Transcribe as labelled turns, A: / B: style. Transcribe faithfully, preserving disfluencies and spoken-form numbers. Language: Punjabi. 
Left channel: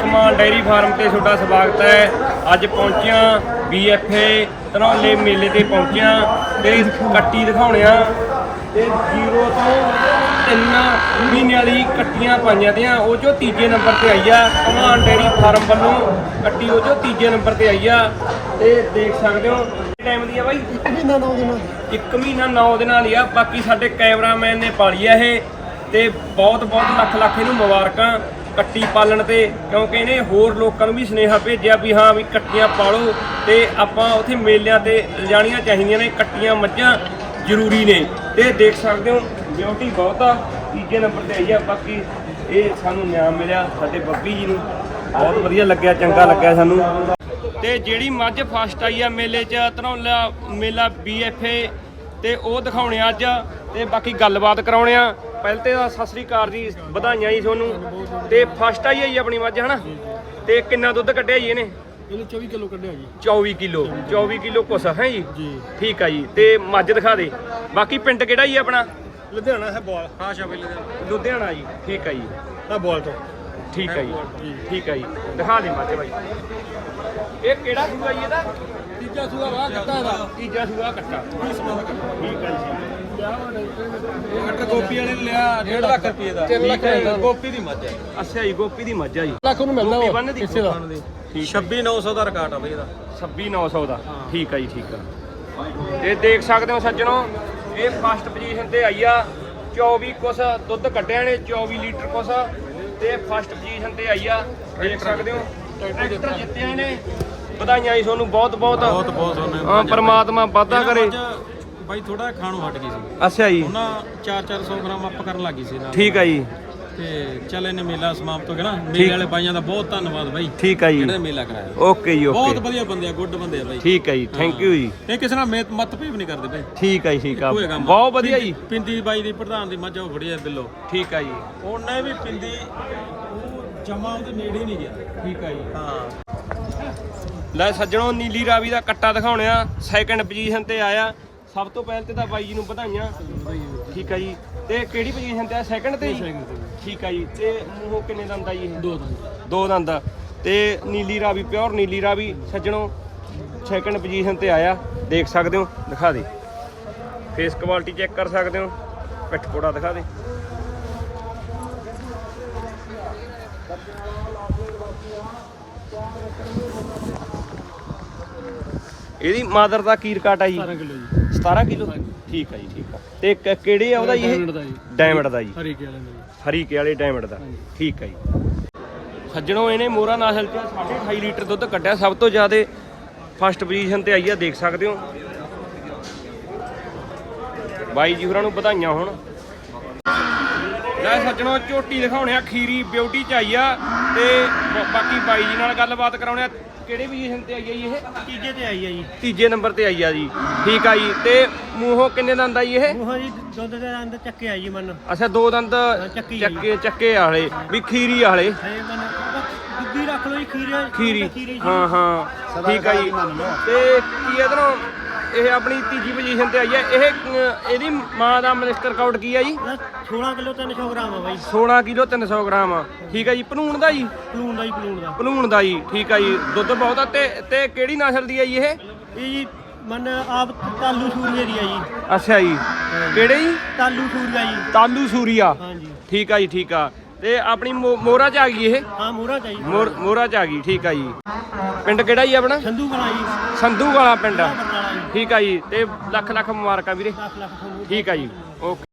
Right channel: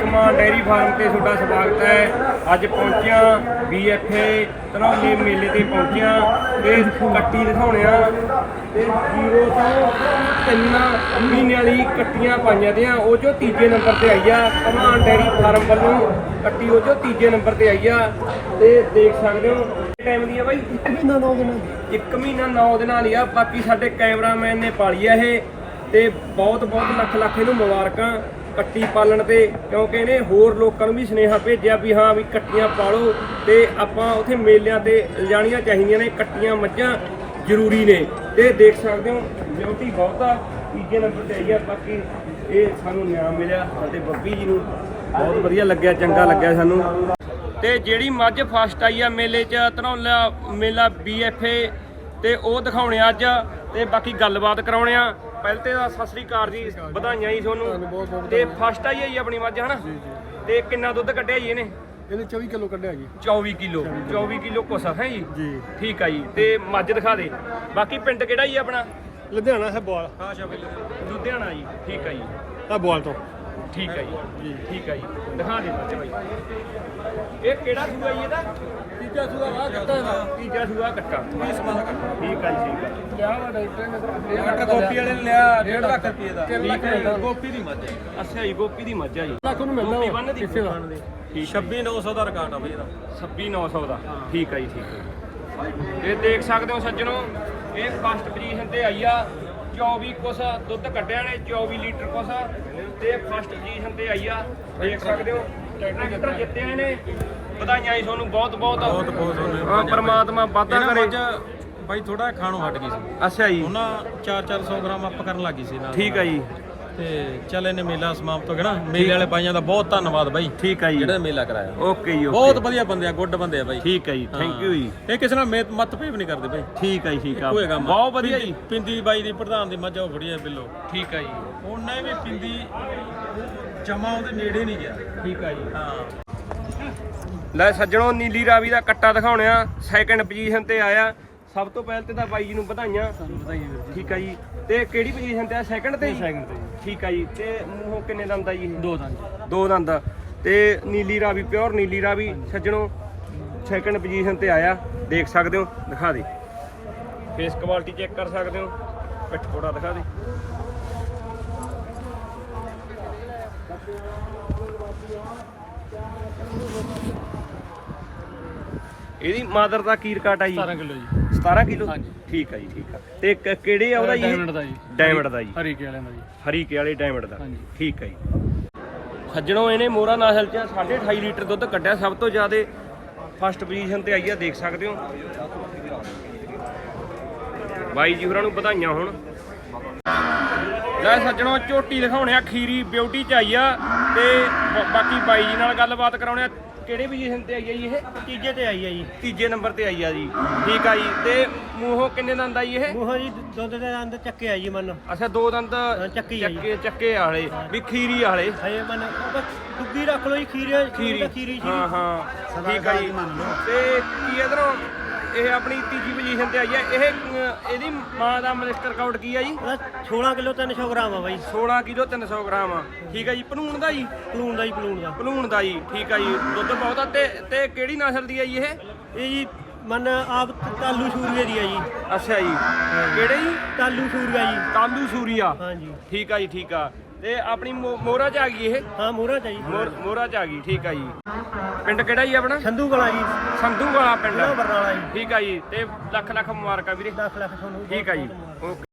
A: कमान डेयरी फार्म ते तुहाडा स्वागत है। अज पहुंचिया बी एफ ए धनौले मेले ते पहुंचिया ते कट्टी दिखाने ते जीरो तो तीन महीने वाली कट्टियां पाइया दियां वो जो तीजे नंबर ते आई आ। कमान डेयरी फार्म वालों कट्टी वो जो तीजे नंबर ते आई आ ते देख सकते हो। टाइम दी बाई एक महीना नौ दिन एक महीना नौ दिन ही आ। बाकी साडे कैमरामैन ने पाली है ये ते बहुत बहुत लख लख इहनूं मुबारकां कट्टी पालन ते, क्योंकि इन्हें होर लोगों भी सुनेहा भेजिया भी हाँ भी कट्टियां पालो ते आपां उत्थे मेलियां ते लिजाणियां चाहीदियां ने। कट्टियां मੱਝਾਂ जरूरी ने ते देख सकते हो ब्यूटी बहुत आ। तीजे नंबर ते आई आ। बाकी ये सानूं इनाम मिलिया साडे बब्बी जी नूं बहुत वधिया लग्गिया, चंगा लग्गिया सानूं। ते जिहड़ी मੱਝ फस्ट आई आ मेले च धनौला मेला बी एफ ए ते ਉਹ ਦਿਖਾਉਣੇ ਅੱਜ ਤੇ ਬਾਕੀ ਗੱਲਬਾਤ ਕਰਾਉਣੇ ਆ। ਪਹਿਲੇ ਤੇ ਸਤਿ ਸ੍ਰੀ ਅਕਾਲ ਜੀ, ਵਧਾਈਆਂ ਜੀ ਤੁਹਾਨੂੰ। ਤੇ ਫਸਟ ਆਈ ਹੈ ਜੀ ਆਪਣੀ ਮੱਝ ਹਨਾ। ਤੇ ਕਿੰਨਾ ਦੁੱਧ ਕੱਢਿਆ ਜੀ ਇਹਨੇ?
B: ਇਹਨੇ ਚੌਵੀ ਕਿਲੋ ਕੱਢਿਆ ਜੀ।
A: ਚੌਵੀ ਕਿਲੋ ਚੌਵੀ ਕਿਲੋ ਕੁਛ ਹੈ ਜੀ।
B: ਜੀ
A: ਠੀਕ ਆ ਜੀ। ਤੇ ਮੱਝ ਦਿਖਾ ਦੇ। ਬਾਕੀ ਪਿੰਡ ਕਿਹੜਾ ਜੀ ਆਪਣਾ?
B: ਲੁਧਿਆਣਾ ਹੈ ਬੋਲ ਪਾਸ਼ਾ
A: ਲੁਧਿਆਣਾ ਜੀ। ਠੀਕ ਆ ਜੀ।
B: ਆ ਬੋਲ ਤੋਂ
A: ਠੀਕ ਆ ਜੀ। ਠੀਕ ਆ ਜੀ। ਦਿਖਾ ਦੇ ਮੱਝ ਬਾਈ। ਇਹ ਕਿਹੜਾ ਸੂਆ ਜੀ ਇਹਦਾ?
B: ਤੀਜਾ ਸੂਆ ਆ ਕੱਟਾ ਦਾ।
A: ਤੀਜਾ ਸੂਆ ਕੱਟਾ। ਠੀਕ ਆ ਜੀ।
B: ਇਹ ਗੋਪੀ ਵਾਲੇ ਨੇ ਲਿਆ ਡੇਢ ਲੱਖ ਰੁਪਏ ਦਾ।
A: ਠੀਕ ਹੈ।
B: ਗੋਪੀ ਦੀ ਮੱਝ ਹੈ।
A: ਅੱਛਾ ਜੀ, ਗੋਪੀ ਦੀ ਮੱਝ ਆ ਜੀ।
B: ਲੱਖ ਨੂੰ ਮਿਲਣਾ
A: ਗੋਪੀ ਬੰਨ ਦੀ
B: ਕਿਸੇ ਦਾ
A: ਛੱਬੀ ਨੌ ਸੌ ਦਾ ਰਿਕਾਰਡ ਆ ਬਈ ਇਹਦਾ। ਛੱਬੀ ਨੌ ਸੌ ਦਾ। ਠੀਕ ਆ ਜੀ। ਠੀਕ ਆ। ਇਹ ਦੇਖ ਸਕਦੇ ਹੋ ਸੱਜਣੋ, ਇਹ ਫਸਟ ਪੋਜੀਸ਼ਨ ਤੇ ਆਈ ਆ। ਚੌਵੀ ਕੁਛ ਦੁੱਧ ਕੱਢਿਆ ਨੇ, ਚੌਵੀ ਲੀਟਰ ਕੁਛ ਤੇ ਫਸਟ ਪੋਜੀਸ਼ਨ ਤੇ ਆਈ ਆ। ਦੇਖ ਸਕਦੇ ਹੋ ਟਰੈਕਟਰ ਜਿੱਤਿਆ ਨੇ। ਵਧਾਈਆਂ ਜੀ ਤੁਹਾਨੂੰ ਬਹੁਤ ਬਹੁਤ
B: ਬਹੁਤ ਬਹੁਤ।
A: ਹਾਂ, ਪਰਮਾਤਮਾ ਵਾਧਾ ਕਰੇ।
B: ਬਾਈ ਥੋੜਾ ਖਾਣੋਂ ਹਟ ਗਈ ਸੀ।
A: ਅੱਛਾ ਜੀ।
B: ਉਹਨਾਂ ਚਾਰ ਚਾਰ ਸੌ ਗ੍ਰਾਮ ਅਪ ਕਰਨ ਲੱਗੀ ਸੀ ਨਾਲ।
A: ਠੀਕ ਆ ਜੀ।
B: ਤੇ ਚੱਲ ਇਹਨੇ ਮੇਲਾ ਸਮਾਪਤ ਹੋ ਗਿਆ ਨਾ। ਮੇਲੇ ਵਾਲੇ ਬਾਈਆਂ ਦਾ ਬਹੁਤ ਧੰਨਵਾਦ ਬਾਈ।
A: ਠੀਕ ਆ ਜੀ।
B: ਜਿਹੜਾ ਮੇਲਾ ਕਰਾਇਆ।
A: ਓਕੇ ਜੀ।
B: ਬਹੁਤ ਵਧੀਆ ਬੰਦੇ ਆ, ਗੁੱਡ ਬੰਦੇ ਆ ਬਾਈ।
A: ਠੀਕ ਆ ਜੀ। ਥੈਂਕ ਯੂ ਜੀ।
B: ਇਹ ਕਿਸੇ ਨਾਲ ਮੇਤ ਮਤਭੇਦ ਨਹੀਂ ਕਰਦੇ ਬਾਈ।
A: ਠੀਕ ਆ ਜੀ। ਠੀਕ ਆ।
B: ਇੱਕੋ ਹੀ ਕੰਮ ਆ।
A: ਬਹੁਤ ਵਧੀਆ ਜੀ।
B: ਪਿੰਦੀ ਬਾਈ ਦੀ ਪ੍ਰਧਾਨ ਦੀ ਮੱਝ ਉਹ ਖੜੀ ਹੈ ਬਿੱਲੋ।
A: ਠੀਕ ਆ ਜੀ।
B: ਉਹਨੇ ਵੀ ਪਿੰਦੀ ਜਮਾ ਉਹਦੇ ਨੇੜੇ ਨਹੀਂ ਗਿਆ।
A: ਠੀਕ ਆ ਜੀ।
B: ਹਾਂ
A: ਲੈ ਸੱਜਣੋ, ਨੀਲੀ ਰਾਵੀ ਦਾ ਕੱਟਾ ਦਿਖਾਉਣੇ ਆ। ਸੈਕੰਡ ਪੋਜੀਸ਼ਨ ਤੇ ਆਇਆ। ਸਭ ਤੋਂ ਪਹਿਲ ਤੇ ਤਾਂ ਬਾਈ ਜੀ ਨੂੰ ਵਧਾਈਆਂ। ਠੀਕ ਆ ਜੀ। ਤੇ ਕਿਹੜੀ ਪੋਜੀਸ਼ਨ ਤੇ ਆ? ਸੈਕੰਡ ਤੇ ਜੀ।
B: ਸੈਕੰਡ ਤੇ ਜੀ।
A: ਠੀਕ ਆ ਜੀ। ਤੇ ਮੂੰਹੋਂ ਕਿੰਨੇ ਦੰਦ ਆ ਜੀ?
B: ਦੋ ਦੰਦ।
A: ਦੋ ਦੰਦ। ਤੇ ਨੀਲੀ ਰਾਵੀ, ਪਿਓਰ ਨੀਲੀ ਰਾਵੀ ਸੱਜਣੋ ਸੈਕੰਡ ਪੋਜੀਸ਼ਨ ਤੇ ਆਇਆ। ਦੇਖ ਸਕਦੇ ਹੋ। ਦਿਖਾ ਦੇ ਫੇਸ ਕੁਆਲਿਟੀ ਚੈੱਕ ਕਰ ਸਕਦੇ ਹੋ। ਪਿੱਠ ਪੋੜਾ ਦਿਖਾ ਦੇ। ਇਹਦੀ ਮਾਦਰ ਦਾ ਕੀ ਰਿਕਾਰਡ ਆ ਜੀ?
B: ਸਤਾਰਾਂ ਕਿਲੋ ਜੀ।
A: ਸਤਾਰਾਂ ਕਿਲੋ। ਠੀਕ ਆ ਜੀ। ਠੀਕ ਆ। ਤੇ ਕ- ਕਿਹੜੇ ਆ ਉਹਦਾ ਜੀ?
B: ਡਾਇਮੰਡ ਦਾ ਜੀ।
A: ਡਾਇਮੰਡ ਦਾ ਜੀ।
B: ਹਰੀਕੇ ਵਾਲਿਆਂ ਦਾ ਜੀ।
A: ਹਰੀਕੇ ਵਾਲੇ ਡਾਇਮੰਡ ਦਾ।
B: ਹਾਂਜੀ।
A: ਠੀਕ ਆ ਜੀ। ਸੱਜਣੋ, ਇਹਨੇ ਮੋਰਾ ਨਾਸਲ ਚ ਸਾਢੇ ਅਠਾਈ ਲੀਟਰ ਦੁੱਧ ਕੱਢਿਆ। ਸਭ ਤੋਂ ਜ਼ਿਆਦਾ ਫਸਟ ਪੋਜੀਸ਼ਨ ਤੇ ਆਈ ਆ। ਦੇਖ ਸਕਦੇ ਹੋ। ਬਾਈ ਜੀ ਹੋਰਾਂ ਨੂੰ ਵਧਾਈਆਂ ਹੋਣ। ਲੈ ਸੱਜਣੋ, ਝੋਟੀ ਦਿਖਾਉਣੇ ਆ। ਖੀਰੀ ਬਿਊਟੀ ਚ ਆਈ ਆ। ਤੇ ਬ- ਬਾਕੀ ਬਾਈ ਜੀ ਨਾਲ ਗੱਲਬਾਤ ਕਰਾਉਣੇ ਆ। ਕਿਹੜੇ ਪੋਜੀਸ਼ਨ ਤੇ ਆਈ ਆ ਜੀ ਇਹ?
C: ਤੀਜੇ ਤੇ ਆਈ ਆ ਜੀ।
A: ਤੀਜੇ ਨੰਬਰ ਤੇ ਆਈ ਆ ਜੀ। ਠੀਕ ਆ ਜੀ। ਤੇ ਮੂੰਹੋਂ ਕਿੰਨੇ ਦੰਦ ਆ ਜੀ ਇਹ?
C: ਮੂੰਹਾਂ ਜੀ ਦੁੱਧ ਦੇ ਦੰਦ ਚੱਕੇ ਆ ਜੀ ਮਨ।
A: ਅੱਛਾ, ਦੋ ਦੰਦ
C: ਚੱਕੀ ਆ ਜੀ।
A: ਚੱਕੇ ਚੱਕੇ ਵਾਲੇ ਵੀ ਖੀਰੀ ਵਾਲੇ।
C: ਹਏ ਮਨ ਦੁੱਗੀ ਰੱਖ ਲਓ ਜੀ। ਖੀਰੀ
A: ਖੀਰੀ
C: ਖੀਰੀ
A: ਹਾਂ ਹਾਂ। ਠੀਕ ਆ ਜੀ। ਤੇ ਕੀ ਇਧਰੋਂ ਇਹ ਆਪਣੀ ਤੀਜੀ ਪੋਜੀਸ਼ਨ ਤੇ ਆਈ ਆ। ਇਹ ਅਹ, ਇਹਦੀ ਮਾਂ ਦਾ ਮਿਲਕ ਰਿਕਾਰਡ ਕੀ ਆ ਜੀ?
C: ਉਹਦਾ ਸੋਲਾਂ ਕਿਲੋ ਤਿੰਨ ਸੌ ਗ੍ਰਾਮ ਆ ਬਾਈ।
A: ਸੋਲਾਂ ਕਿਲੋ ਤਿੰਨ ਸੌ ਗ੍ਰਾਮ ਆ। ਠੀਕ ਆ ਜੀ। ਭਨੂਣ ਦਾ ਜੀ?
C: ਪਲੂਣ ਦਾ ਜੀ, ਪਲੂਣ ਦਾ।
A: ਭਨੂਣ ਦਾ ਜੀ। ਠੀਕ ਆ ਜੀ। ਦੁੱਧ ਬਹੁਤ ਆ। ਤੇ ਤੇ ਕਿਹੜੀ ਨਸਲ ਦੀ ਆ ਜੀ ਇਹ?
C: ਇਹ ਜੀ ਮਨ ਆਪ ਤਾਲੂ ਸੂਰੀਏ ਦੀ ਆ ਜੀ।
A: ਅੱਛਾ ਜੀ। ਕਿਹੜੇ ਜੀ?
C: ਤਾਲੂ ਸੂਰੀਆ ਜੀ।
A: ਤਾਲੂ ਸੂਰੀਆ।
C: ਹਾਂਜੀ।
A: ਠੀਕ ਆ ਜੀ। ਠੀਕ ਆ। ਤੇ ਆਪਣੀ ਮੋ- ਮੋਹਰਾ ਚ ਆ ਗਈ ਇਹ?
C: ਹਾਂ ਮੋਹਰਾ ਚਾਹੀਦੀ।
A: ਮੋਰ ਮੋਹਰਾ ਚ ਆ ਗਈ। ਠੀਕ ਆ ਜੀ। ਪਿੰਡ ਕਿਹੜਾ ਜੀ ਆਪਣਾ?
C: ਸੰਧੂ ਵਾਲਾ ਜੀ।
A: ਸੰਧੂ ਵਾਲਾ ਪਿੰਡ।
C: ਜ਼ਿਲ੍ਹਾ ਬਰਨਾਲਾ ਜੀ।
A: ਠੀਕ ਆ ਜੀ। ਤੇ ਲੱਖ ਲੱਖ ਮੁਬਾਰਕਾਂ ਵੀਰੇ।
C: ਦਸ ਲੱਖ ਤੁਹਾਨੂੰ।
A: ਠੀਕ ਆ ਜੀ। ਓਕੇ।